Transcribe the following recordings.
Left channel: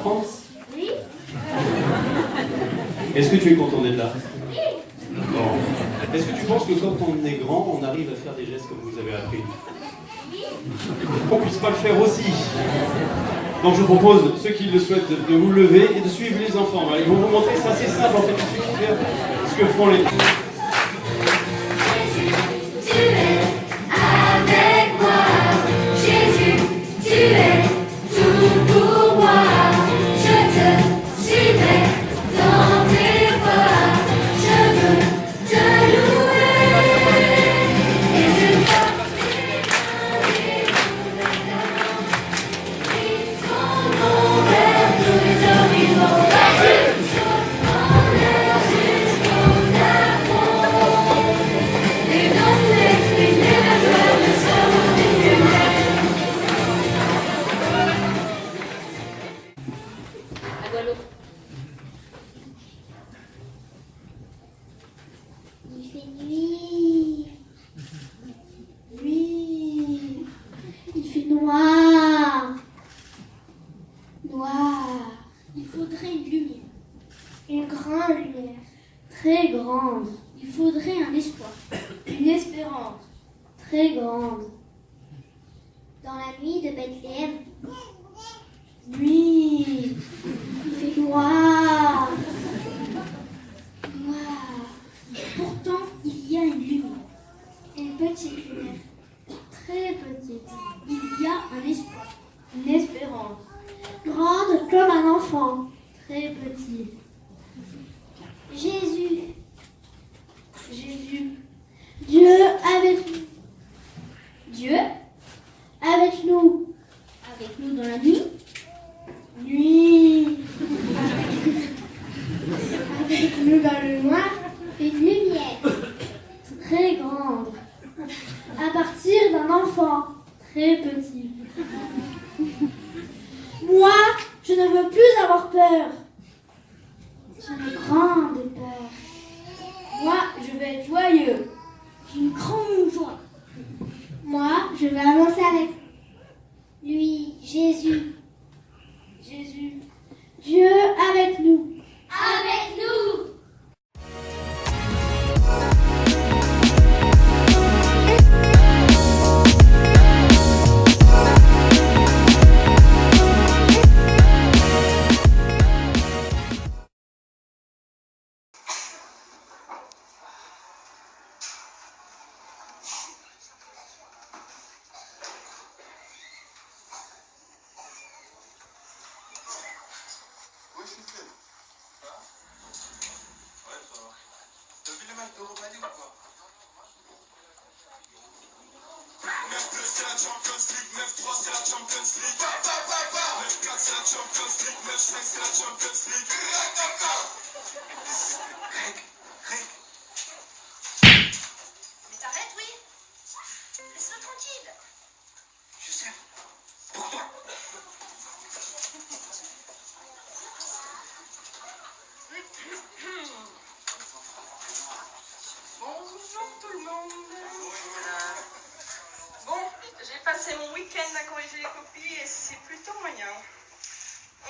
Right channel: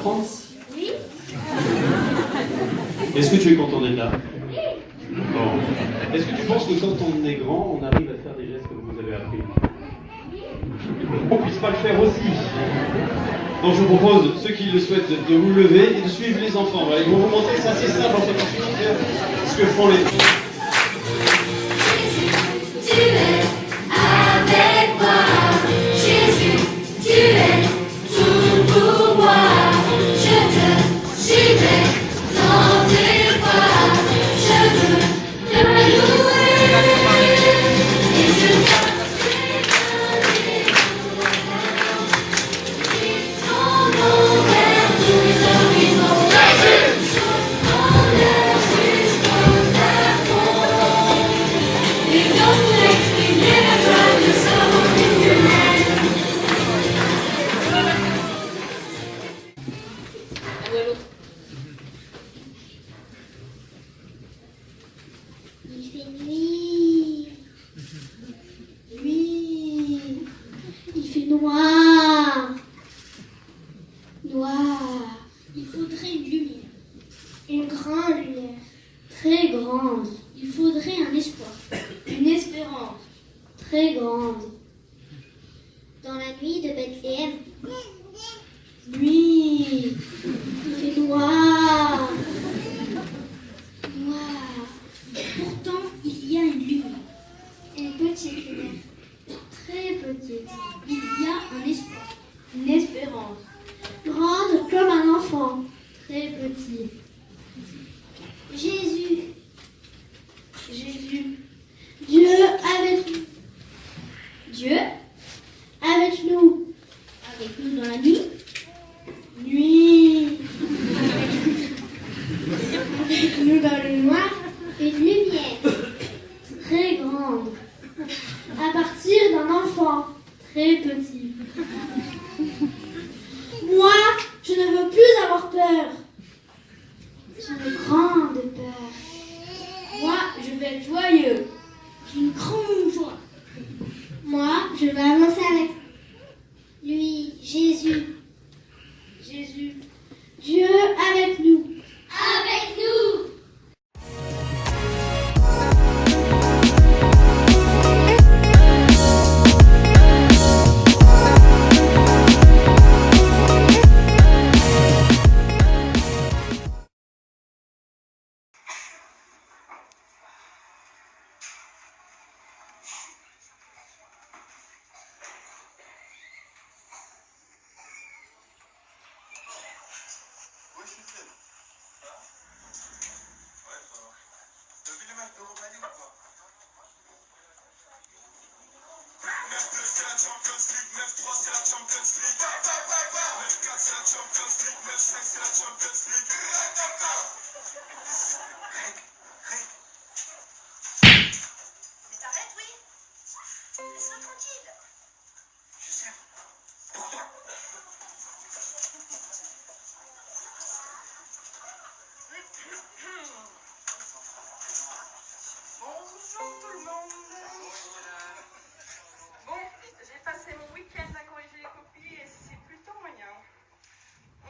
t'apprendre? Oui. Est-ce que tu es content d'être là? Bon. Est-ce que tu penses que quand on est grand, on arrive à faire des gestes comme vous avez appris? On ne puisse pas le faire aussi. Donc je vous propose, ceux qui le souhaitent, de vous lever et de suivre les enfants. Voilà, ils vont vous montrer, c'est assez simple en fait, il suffit de faire ce que font les... Tu es avec moi, Jésus, tu es tout pour moi. Je te suivrai dans tes pas, je veux te louer et je t'adorer ton nom vers tous les horizons. Jésus, ton nom jusqu'au plafond. Et dans tout exprimer la gloire de ce monde humain. Il fait nuit. Nuit. Il fait noir. Noir. Il faudrait une lumière. Une grande lumière. Très grande. Il faudrait un espoir. Une espérance. Très grande. Dans la nuit de Bethléem. Nuit. Il fait noir. Noir. Pourtant, il y a une lumière. Une petite lumière. Très petite. Il y a un espoir. Une espérance. Grande comme un enfant. Très petit. Jésus. Jésus. Dieu avec nous. Dieu avec nous. Avec nous dans la nuit. Nuit. Avec nous dans le noir. Une lumière. Très grande. À partir d'un enfant. Très petit. Moi, je ne veux plus avoir peur. J'ai une grande peur. Moi, je vais être joyeux. J'ai une grande joie. Moi, je vais avancer avec lui, Jésus. Jésus. Dieu avec nous. Avec nous. Ouais, je suis prêt. Hein? Ouais, ça va. T'as vu les mecs de Roumanie ou quoi? 9-2 c'est la Champions League, 9-3 c'est la Champions League. 9-4 c'est la Champions League, 9-5 c'est la Champions League. Mais t'arrêtes, oui? Laisse-moi tranquille. Je sais. Pourquoi? Bonjour tout le monde. Bon, j'ai passé mon week-end à corriger les copies et c'est plutôt moyen.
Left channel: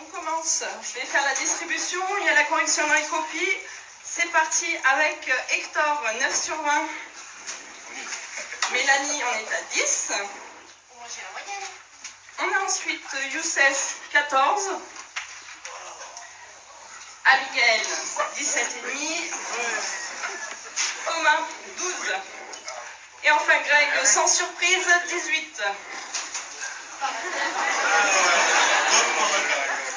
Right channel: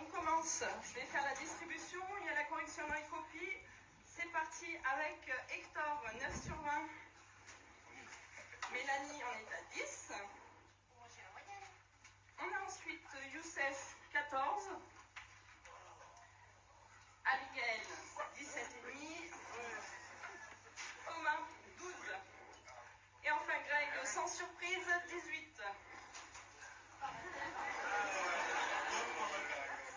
On commence. Je vais faire la distribution. Il y a la correction dans les copies. C'est parti avec Hector, 9 sur 20. Mélanie, on est à 10. Moi, j'ai la moyenne. On a ensuite Youssef, 14. Abigail, 17,5. Thomas, 12. Et enfin Greg, sans surprise, 18.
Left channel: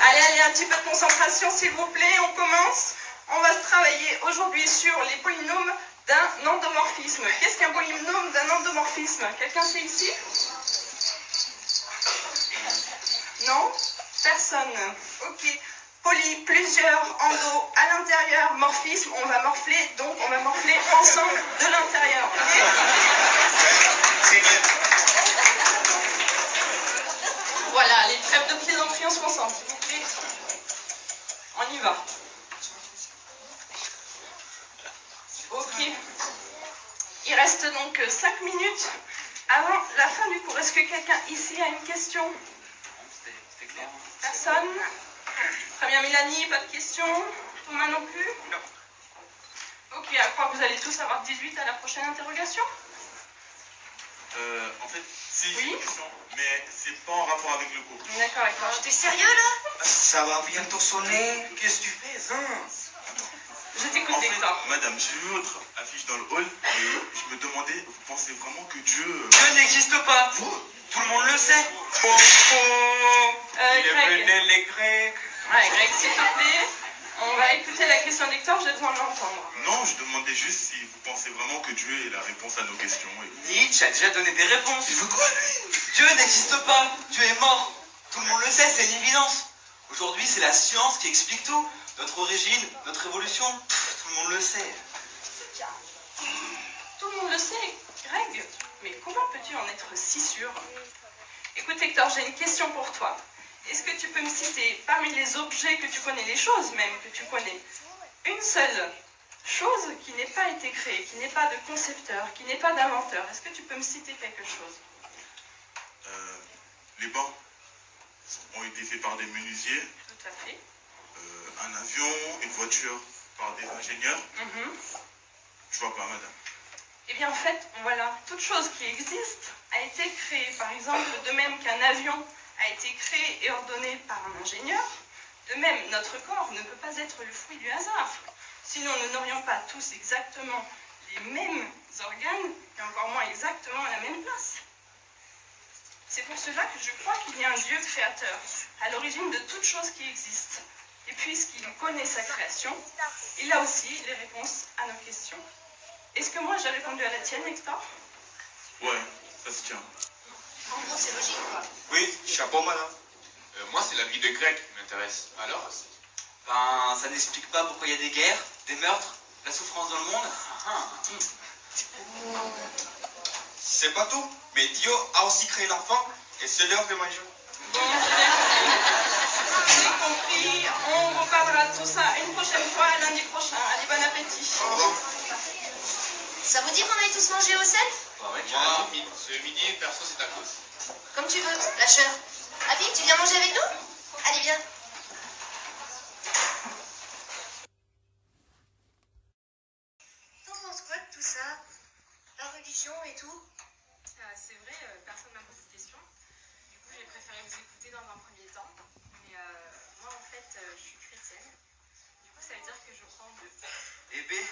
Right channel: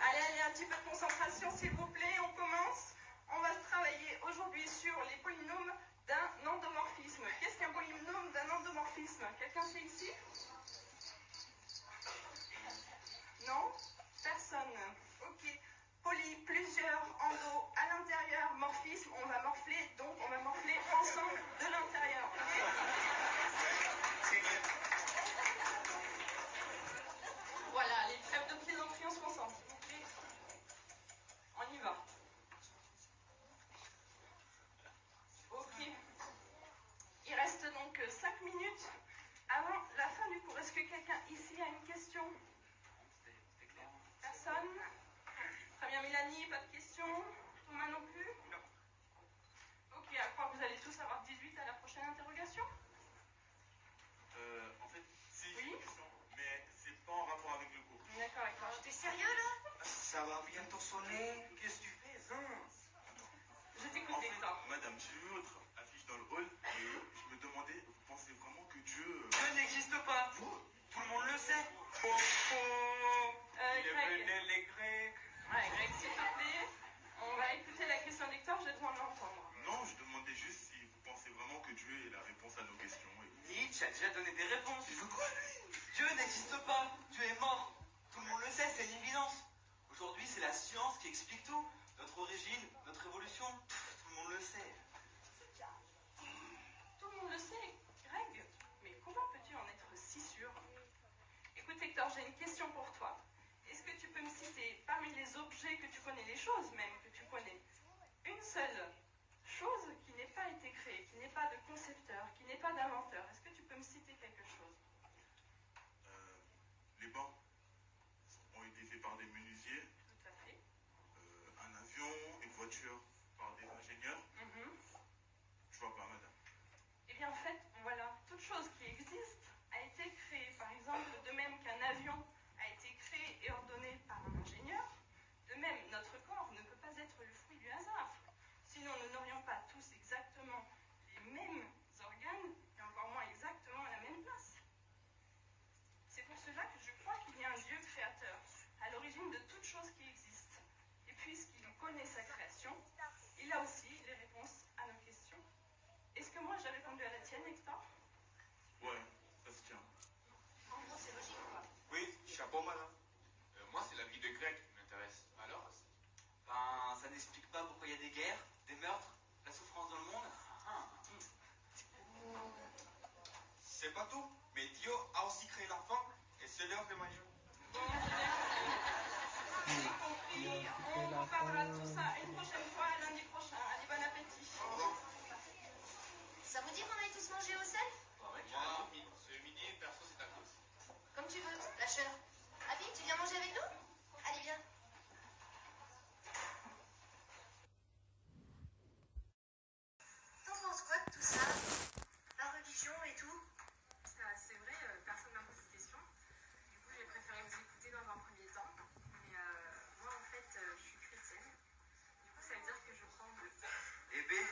Allez, un petit peu de concentration s'il vous plaît, on commence. On va travailler aujourd'hui sur les polynômes d'un endomorphisme. Qu'est-ce qu'un polynôme d'un endomorphisme? Quelqu'un sait ici? Non? Personne. Ok. Poly, plusieurs, endo, à l'intérieur, morphisme, on va morfler, donc on va morfler ensemble de l'intérieur. Okay? Voilà, les trêves de plaisanterie, on se concentre, s'il vous plaît. On y va. Ok. Il reste donc 5 minutes avant la fin du cours. Est-ce que quelqu'un ici a une question? Personne? Très bien, Mélanie, pas de questions. Thomas non plus? Non. Ok, je crois que vous allez tous avoir 18 à la prochaine interrogation. En fait, si, Oui. j'ai une question, mais c'est pas en rapport avec le cours. D'accord, d'accord. T'es sérieux là? Ça va bientôt sonner. Qu'est-ce que tu fais, hein? Je t'écoute, En fait, Hector. madame, j'ai vu votre affiche dans le hall et je me demandais, vous pensez vraiment que Dieu... Dieu n'existe pas. Tout le monde le sait. Oh, oh. Greg. Les Grecs. Ouais, Greg, s'il te plaît. On va écouter la question d'Hector, j'ai besoin de l'entendre. Non, je demandais juste si vous pensez vraiment que Dieu est la réponse à nos questions. Et... Nietzsche a déjà donné des réponses. Il veut quoi, lui? Dieu n'existe pas. Dieu est mort. Tout le monde le sait, c'est une évidence. Aujourd'hui, c'est la science qui explique tout. Notre origine, notre évolution, tout le monde le sait. Tout le monde le sait, Greg. Mais comment peux-tu en être si sûr? Écoute, Hector, j'ai une question pour toi. Est-ce que tu peux me citer, parmi les objets que tu connais, les choses même que tu connais, une seule chose qui n'ait pas été créée, qui n'ait pas de concepteur, qui n'ait pas d'inventeur? Est-ce que tu peux me citer quelque chose? Les bancs ont été faits par des menuisiers, Tout à fait. un avion, une voiture par des ingénieurs. Je vois pas, madame. Eh bien, en fait, voilà, toute chose qui existe a été créée. Par exemple, de même qu'un avion a été créé et ordonné par un ingénieur, de même, notre corps ne peut pas être le fruit du hasard. Sinon, nous n'aurions pas tous exactement les mêmes organes et encore moins exactement à la même place. C'est pour cela que je crois qu'il y a un Dieu créateur, à l'origine de toute chose qui existe. Et puisqu'il connaît sa création, il a aussi les réponses à nos questions. Est-ce que moi j'ai répondu à la tienne, Hector? Ouais, ça se tient. En gros, c'est logique, quoi. Oui, chapeau, madame. Moi, c'est la vie des Grecs qui m'intéresse. Alors, Ben, ça n'explique pas pourquoi il y a des guerres, des meurtres, la souffrance dans le monde. C'est pas tout, mais Dieu a aussi créé l'enfant et c'est l'heure de manger. Bon, j'ai compris. On reparlera de tout ça une prochaine fois, lundi prochain. Allez, bon appétit. Ça vous dit qu'on aille tous manger au sel? moi, ce midi, perso, c'est à cause. Comme tu veux, lâcheur. Abby, tu viens manger avec nous? Allez, viens. T'en penses quoi de tout ça? La religion et tout? C'est vrai, personne ne m'a posé de questions. Du coup, j'ai préféré vous écouter dans un premier temps. Mais moi, en fait, je suis chrétienne. Du coup, ça veut dire que je prends de... Eh ben,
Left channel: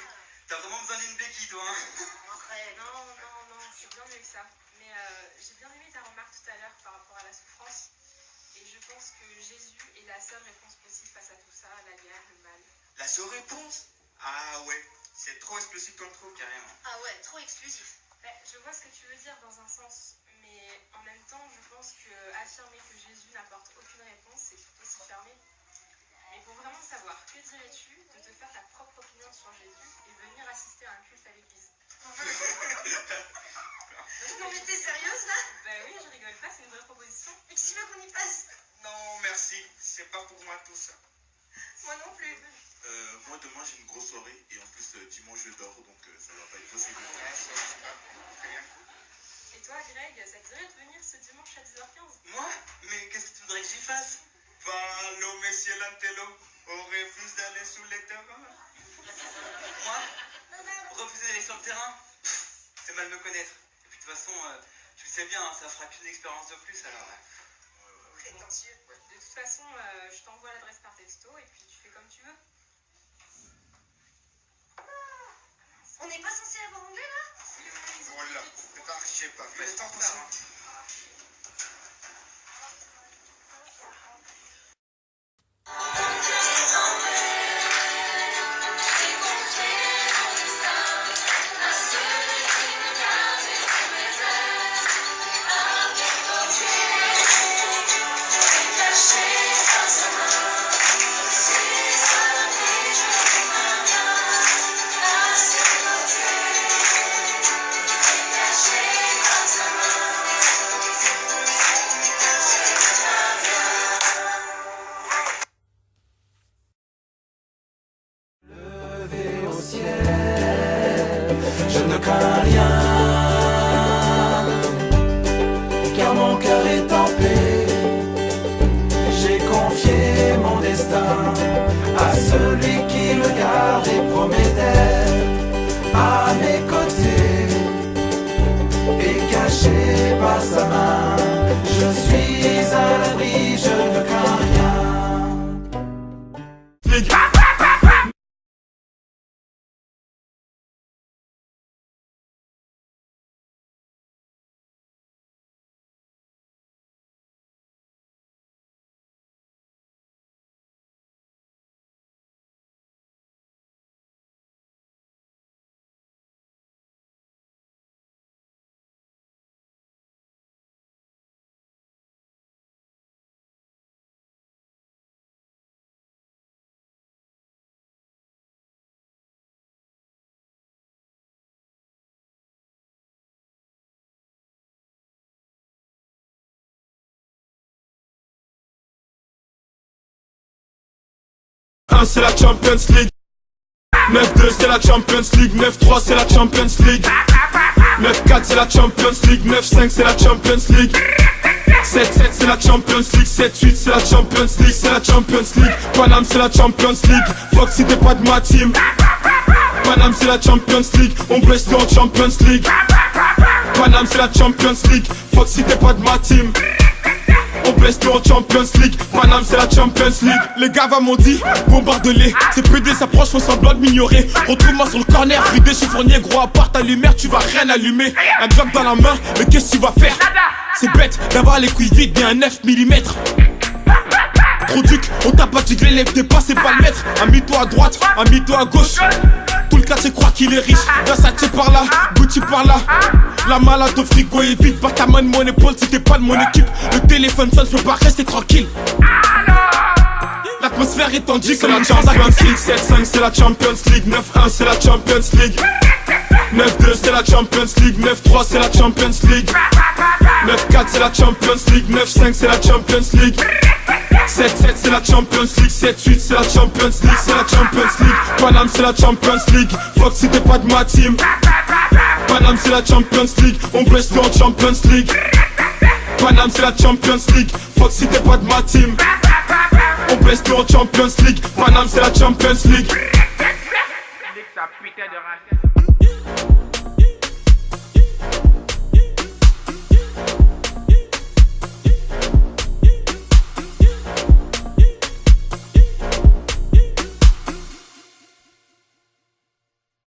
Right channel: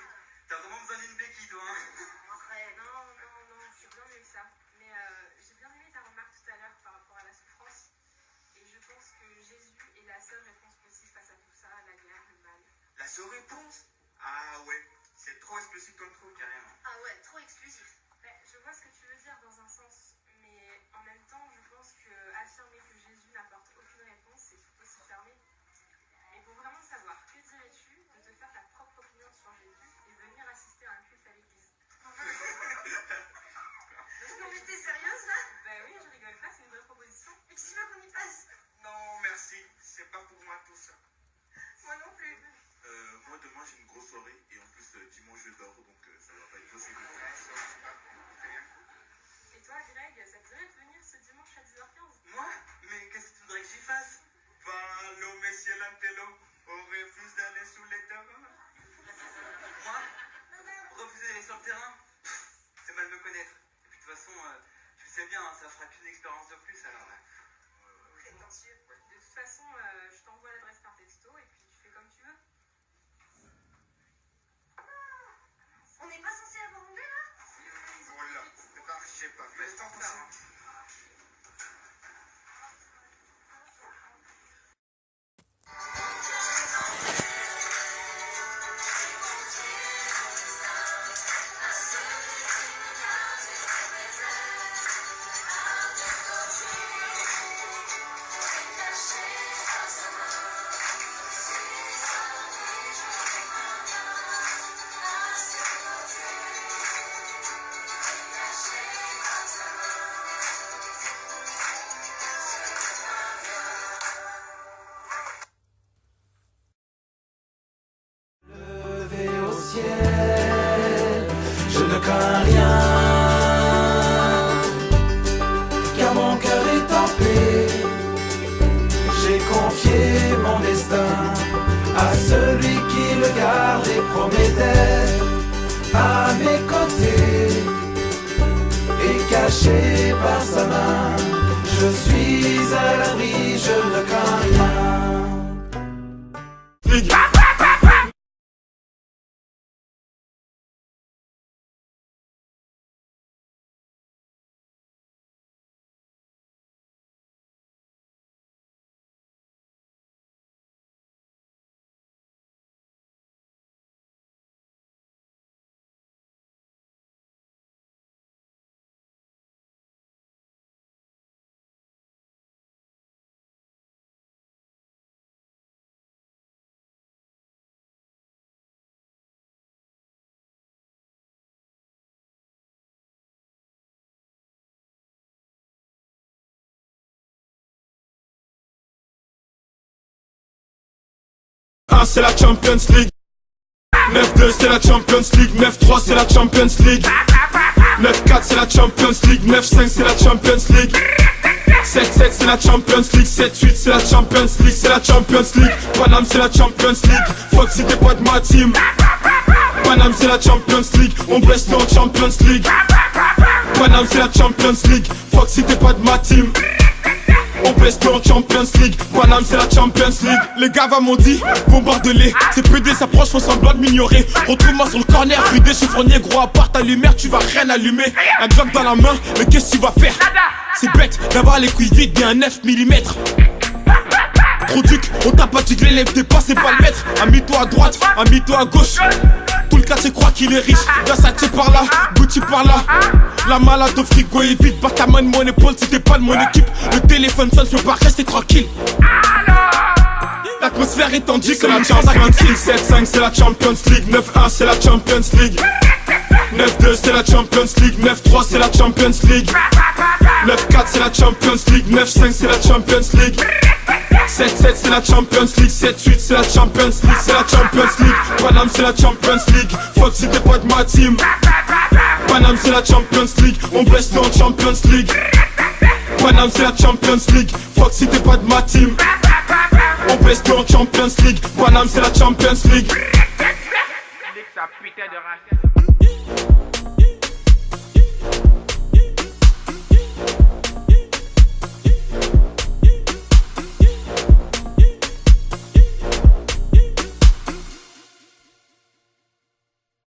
t'as vraiment besoin d'une béquille, toi, hein? Non, c'est bien mieux que ça. Mais j'ai bien aimé ta remarque tout à l'heure par rapport à la souffrance. Et je pense que Jésus est la seule réponse possible face à tout ça, la guerre, le mal. La seule réponse? Ah ouais, c'est trop explicite comme trop, carrément. Ah ouais, trop exclusif. Je vois ce que tu veux dire dans un sens, mais en même temps, je pense que affirmer que Jésus n'apporte aucune réponse, c'est tout aussi fermé. Mais pour vraiment savoir, que dirais-tu de te faire ta propre opinion sur Jésus et venir assister à un culte à l'église? Non mais t'es sérieuse là? Ben oui, je rigole pas, c'est une vraie proposition. Et tu veux qu'on y passe? Non, merci, c'est pas pour moi tout ça. Moi non plus. Moi, demain, j'ai une grosse soirée et en plus, dimanche, je dors, donc ça va pas être possible. Et toi, Greg, ça te dirait de venir ce dimanche à 10h15? Moi? Mais qu'est-ce que tu voudrais que j'y fasse? Allô, monsieur Lantello, on refuse d'aller sous les terrains. Moi? Refuser d'aller sur le terrain? C'est mal me connaître. Et puis de toute façon, tu le sais bien, hein, ça fera qu'une expérience de plus alors. Prétentieux. De toute façon, je t'envoie l'adresse par texto et puis tu fais comme tu veux. On n'est pas censé avoir anglais là? Voilà, je sais pas, mais c'est pas ça. Je ne crains rien, car mon cœur est en paix. J'ai confié mon destin celui qui me garde et promet d'être à mes côtés. Et caché par sa main, je suis à l'abri, je ne crains rien. C'est la Champions League. 9-2 c'est la Champions League. 9-3 c'est la Champions League. 9-4 c'est la Champions League. 9-5 c'est la Champions League. 7-7 c'est la Champions League. 7-8 c'est la Champions League. C'est la Champions League. Paname c'est la Champions League. Fuck si t'es pas de ma team. Paname c'est la Champions League. On baisse en Champions League. Paname c'est la Champions League. Fuck si t'es pas de ma team. On baisse en Champions League. Paname c'est la Champions League. Les gars m'ont dit bombarde-les. Ces PD s'approchent, font semblant de m'ignorer. Retrouve-moi sur le corner, rue des chiffonniers. Gros à part ta lumière, tu vas rien allumer. Un Glock dans la main, mais qu'est-ce que tu vas faire? C'est bête d'avoir les couilles vides et un 9 mm. Trop duc, on t'a pas dit que l'élève t'es pas, c'est pas le maître. Amie-toi à droite, amie-toi à gauche. Tout le quartier croit qu'il est riche. Versace par là, Gucci par là. La malade au frigo est vide. Pas ta main de mon épaule si t'es pas de mon équipe. Le téléphone sonne, je peux pas rester tranquille. L'atmosphère est tendue, c'est la Champions League. 7-5 c'est la Champions League. 9-1 c'est la Champions League. 9-2 c'est la Champions League. 9-3 c'est la Champions League. 9-4 c'est la Champions League. 9-5 c'est la Champions League. 7-7 c'est la Champions League. 7-8 c'est la Champions League. C'est la Champions League. Paname c'est la Champions League. Fuck si t'es pas de ma team. Paname c'est la Champions League. On baisse en Champions League. Paname c'est la Champions League. Fuck si t'es pas de ma team. On baisse en Champions League. Paname c'est la Champions League. Nique sa putain de race.